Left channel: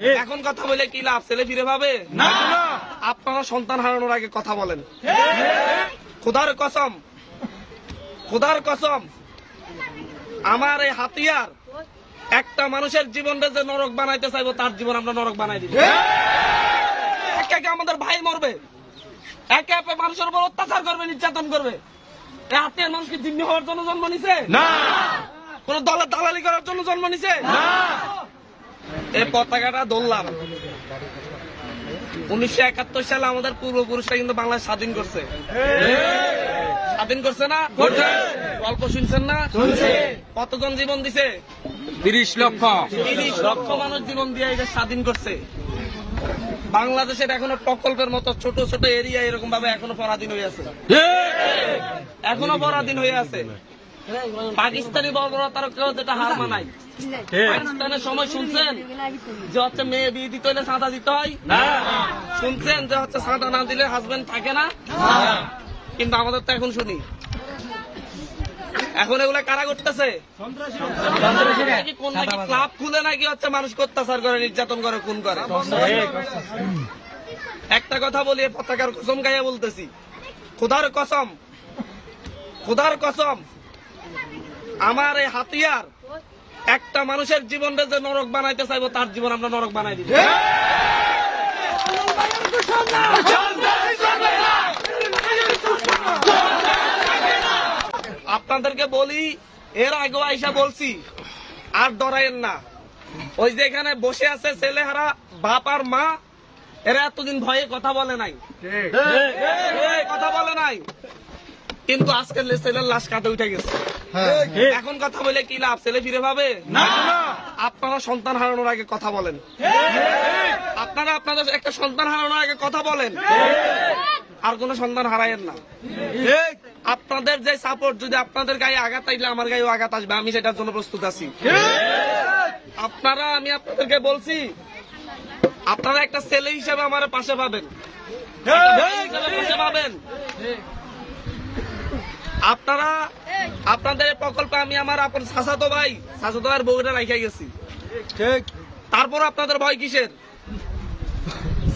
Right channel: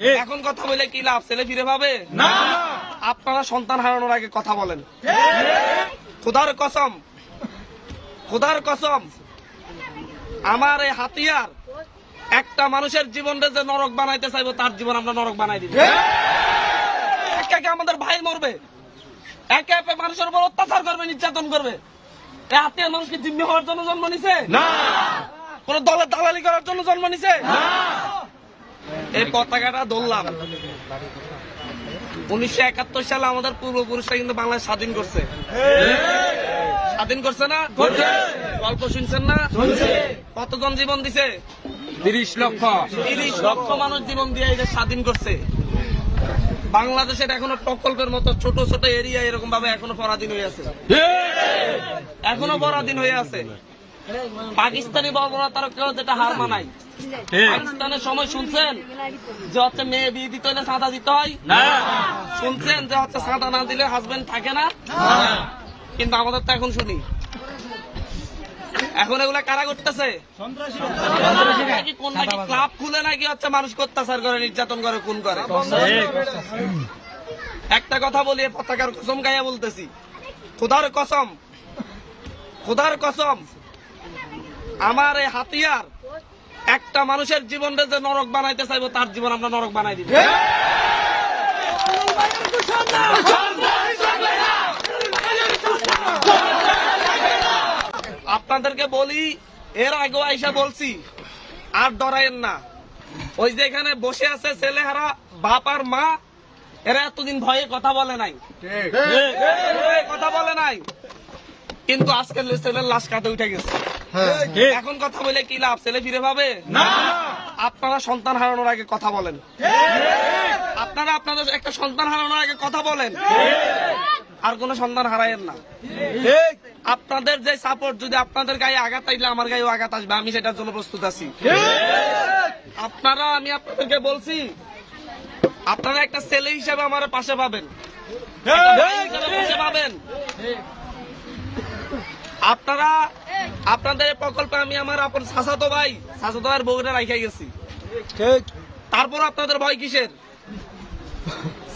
এখন কথা বলে কি লাভ? ছেলে ফিরে পাবে না। আপনারা সন্তান হারানোর আগে কথা বলেন। খোদার কসম, খোদার কসম, আমার এই হাতিয়ার একটা মানুষের জীবনটা যে নরক বানাইতে চাইবো, তার জীবন আমরা নরক বানাই দিব। একে একে আমাদের ভাই মরবে, একে একে মানুষের উপর অত্যাচার করবে, নির্যাতন করবে। এই হাতিয়ার মানুষ কি জিম্মি হওয়ার জন্য জন্ম নিছে? না। কোন দলের দালালি করার জন্য জন্ম নিছে? না। এই পতাকাটা ধরলাম 1971 সালে আমাদের পূর্বপুরুষরা কিন্তু বাংলাদেশ স্বাধীন করছে। স্বাধীন করছে না? গল্প শুনছেন না? কতজন জীবন দিছে? 30 লক্ষ মানুষ জীবন দিয়ে এদের স্বাধীন করছে। বাংলাদেশের এখনো প্রকল্পের মতো ছোট ছোট এরিয়া এরকম ভাবে এখনো পরাধীন হয়ে আছে, এখনো পরাধীন হয়ে আছে। পাকিস্তানি বর্বরতার কেউ যেটা হার মানায়। পাকিস্তানের সময় শুনছেন যে হচ্ছে মেয়ে বিয়ে দিতে হলে চাঁদা দিতে হয়? শুনছেন যে হচ্ছে চাঁদা না দিলে হাজবেন্ড থাকে না? কিন্তু আমাদের তো এখন শুনি। এখন এগুলা কারা করতেছে? কোন নাকি ক্লাব খুলে নাকি হচ্ছে মানুষকে অত্যাচার করে, নির্যাতন করে, খুন করে। একটা কথা বলি, পতাকার কসম গাইয়া বলতেছি, খোদার কসম, খোদার কসম, আমার এই হাতিয়ার একটা মানুষের জীবনটা যে নরক বানাইতে চাইবো, তার জীবন আমরা নরক বানাই দিব। আপনাদেরকে বলি, এর আগেও আইসা বলছি, আর ডরাইন না। ওই যে এখানে বসে আছে ছেলেহারা বাপ আর মা, এরা এতদিন ভয়ে কথা বলে নাই, কথা বলে নাই, কিন্তু আজকে ছেলের লাশ কাঁধে উঠে গেছে। এখন কথা বলে কি লাভ? ছেলে ফিরে পাবে না। আপনারা সন্তান হারানোর আগে কথা বলেন। আপনারা আপনাদের একটা সন্তান হারানোর আগে কথা বলেন, আর কোন সন্তান হারায়েন না। আপনাদের যে সাপোর্ট, যদি আপনাদের গায়ে আঘাত আসলে আমার গায়েও আঘাত আসবে, আমি সেটার জন্য প্রস্তুত আছি। আপনারা, আমি আপনাদেরকে বলছি, আপনারা একটা ছেলে হিসেবে আমার পাশে পাবেন, একটা ভাই হিসেবে পাশে পাবেন। আপনারা আপনাদের প্রকল্পে আমি আমার আপন চাচাতো ভাইয়ের বউটা রাইখা গেছি। তারপর আপনাদের ভয় কিসের?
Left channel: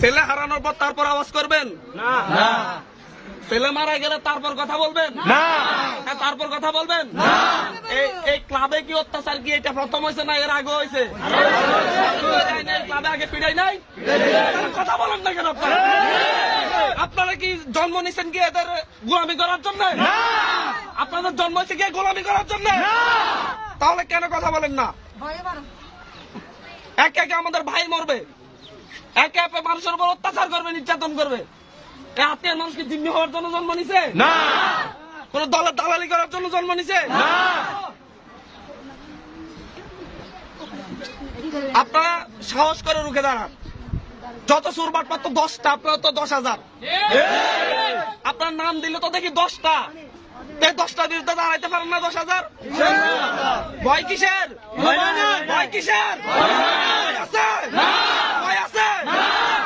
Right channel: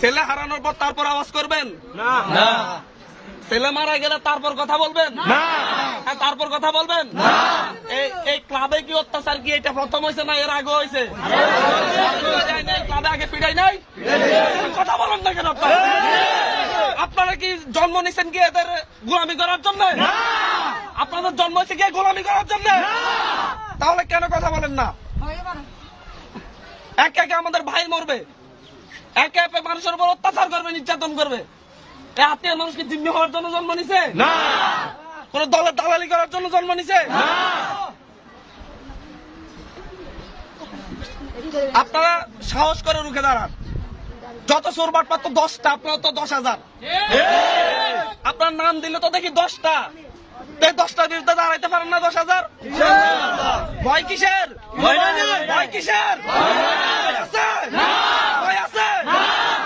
ছেলে হারানোর পর তারপর আওয়াজ করবেন না? ছেলে মারা গেলে তারপর কথা বলবেন না? তারপর কথা বলবেন না? এই ক্লাবে কি অত্যাচার কি এটা প্রথম হয়েছে না এর আগে হয়েছে? ক্লাবে আগে পিড়াই নাই? কথা বলেন না কেন? আপনারা কি জন্ম নিচ্ছেন কি এদের গোলামি করার জন্য? আপনাদের জন্ম হয়েছে কি গোলামি করার জন্য? তাহলে কেন কথা বলেন না? একে একে আমাদের ভাই মরবে, একে একে মানুষের উপর অত্যাচার করবে, নির্যাতন করবে। এই হাতিয়ার মানুষ কি জিম্মি হওয়ার জন্য জন্ম নিছে? না। কোন দলের দালালি করার জন্য জন্ম নিছে? না। আপনারা সাহস করে রুখে দাঁড়ান। যত চোরবাট পাত 10টা, আপনারা তো 10,000। আপনার নাম দিলে তো দেখি 10টা, 10টার বিরুদ্ধে দাঁড়াইতে পারেন না 10,000? ভয় কিসের? ভয় কিসের? ভয় আছে? ভয় আছে?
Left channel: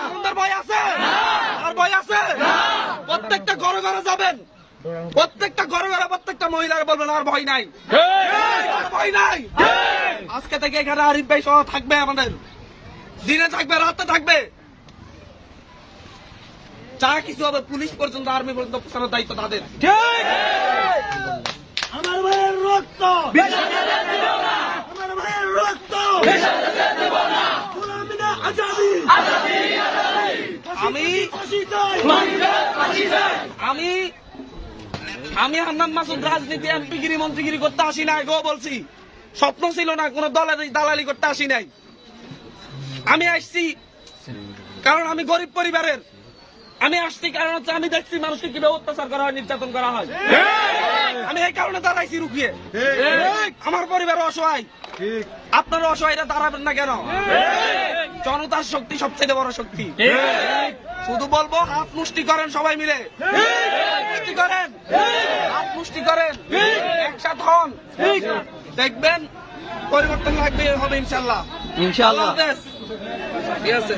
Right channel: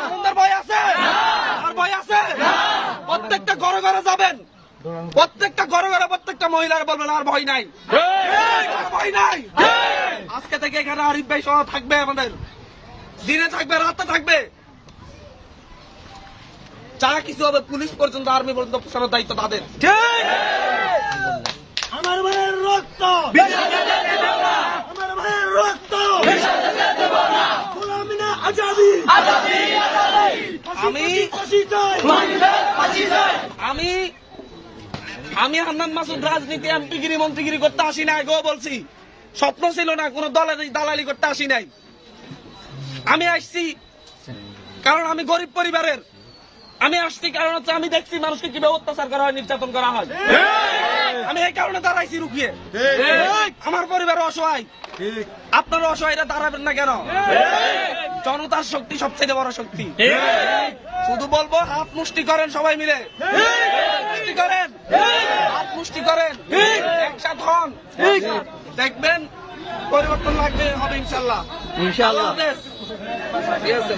আমাদের ভয় আছে? আর ভয় আছে? প্রত্যেকটা ঘরে ঘরে যাবেন, প্রত্যেকটা ঘরে ঘরে প্রত্যেকটা মহিলারা বলবেন আর ভয় নাই, ভয় নাই। আজকে থেকে এখানে আরিফ ভাই সহ থাকবে, আমাদের দিনে থাকবে, রাতে থাকবে। যারা কিছু হবে, পুলিশ পর্যন্ত, আর্মি পর্যন্ত পেছানোর দায়িত্ব তাদের। আমার ভাইয়ের রক্ত, আমার ভাইয়ের রক্ত, আমি হান্নান মাসুদ রাজনীতি এমপিগিরি মন্ত্রীগিরি করতে আসি না। আগেও বলছি, স্বপ্ন ছিল না, কোন দলের দালালি করতে আসি নাই। আমি আসছি কারণ আমি গরিব পরিবারের। আমি আসছি কারণ হচ্ছে আমি দেখছি মানুষকে কিভাবে অত্যাচার করা হয়, নির্যাতন করা হয়। আমি এই কারণে দাঁড়াইছি রুখিয়ে। আমার পরিবার অসহায়, আপনারা অসহায়রা দাঁড়াবেন না কেন? জনতার শক্তি সবচেয়ে বড় শক্তি। শুধু বলবো, হাত মুষ্টি করেন সবাই মিলে, মুষ্টি করেন, হাত মুষ্টি করেন, একসাথ হন, দেখবেন পরিবর্তন লাগবে, হবে ইনশাল্লাহ। ইনশাল্লাহ ঠিক আছে।